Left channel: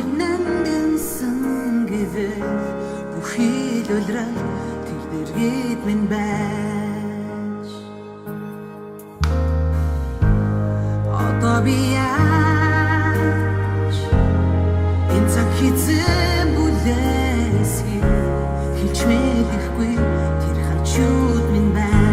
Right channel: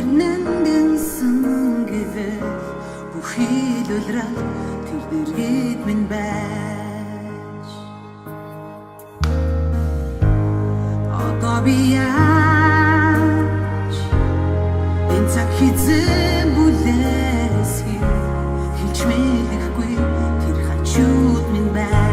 Өнөөхөрнөндөнсөн гэвэл бүхий л улирал тэр дэргэд минь байж. Одоо би яаж энэ цаг хизээ бүлэсхий хэлж мэдэхгүй тэр хажууд минь байж.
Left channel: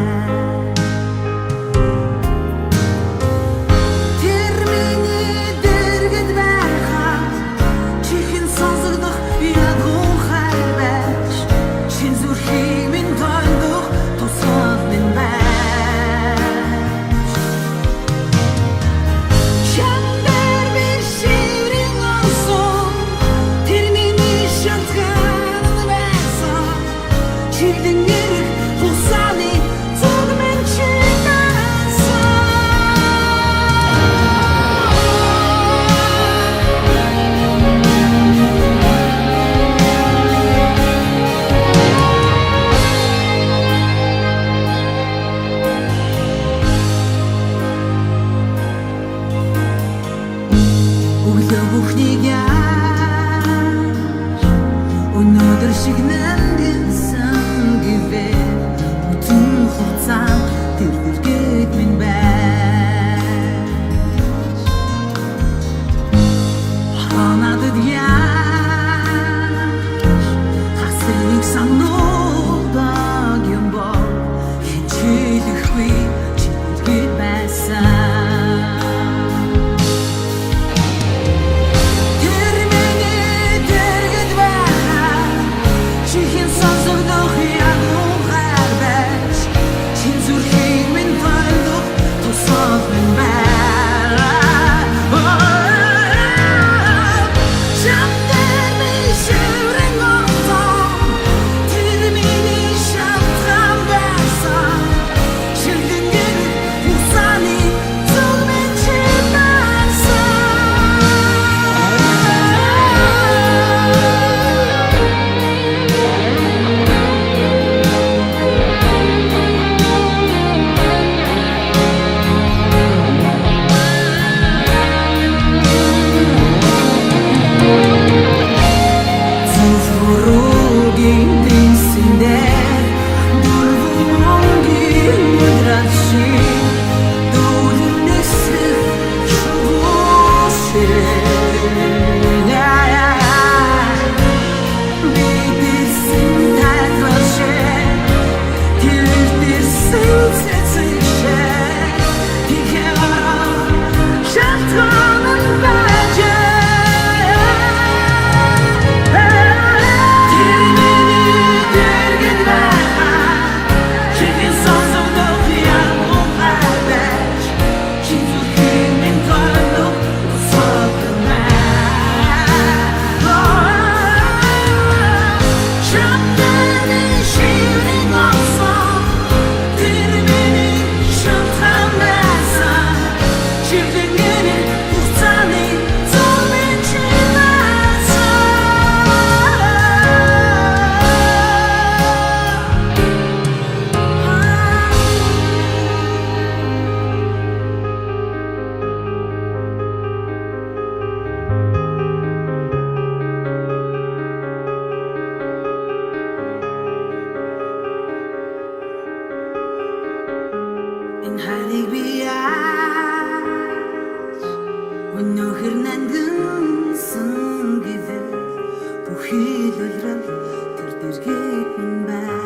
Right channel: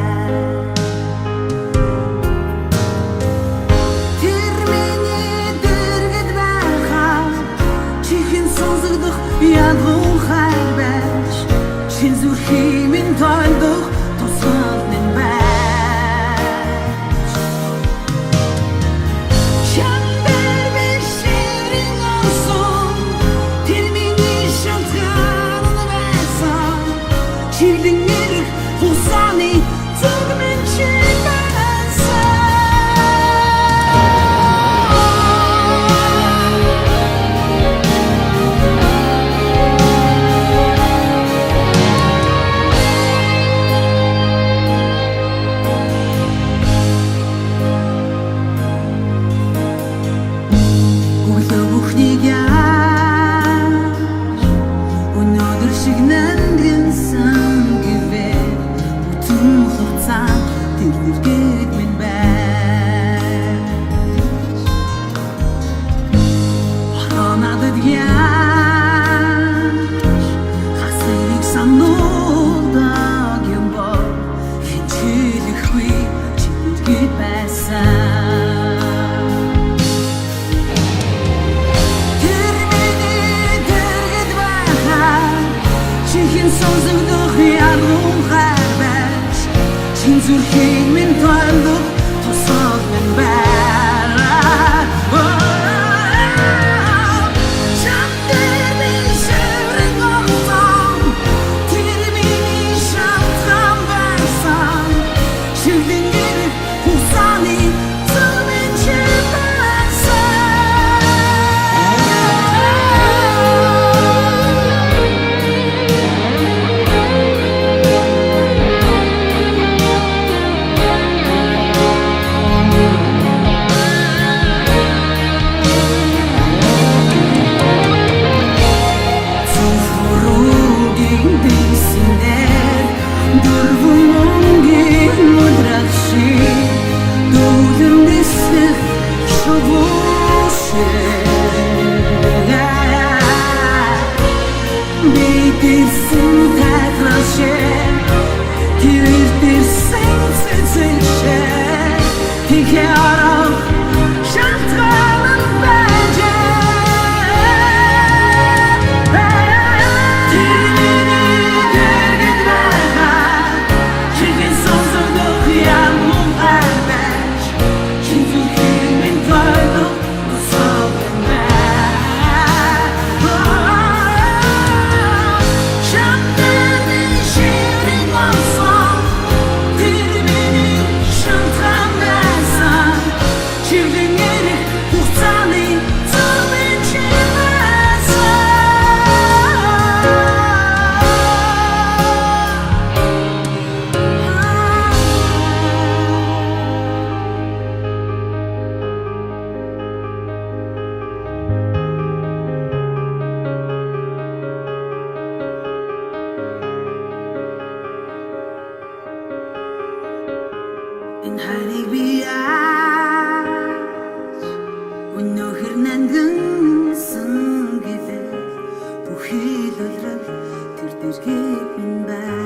Сонсогдох ядгуу хайр байж чин зүрхийн минь тойлдох тусгал минь байж. Чамдэр би шиврэн орсон тэр миний шалтгаан байсан чиглэн эрх хусааны зүг минь чи бүхнийг яаж өнөөдөр шиг нандинсан гэвэл бүтэн хугацаанд тэр дэргэд минь байж. Надад яаж хасыг сануулдаг юм бол хинчилэхгүй чи дэргэд байсан. Чихэн сонсогдох ядгуу хайр байж чин зүрхийн минь тойлдох тусгал минь байна. Чамдэр би шиврэн орсон тэр миний шалтгаан байсан чиглэн эрх хусааны зүг минь чи байсан. Энэ хайрыг би яаж өнөөхөр нандинсан гэвэл бүхий л улирал тэр дэргэд минь байна.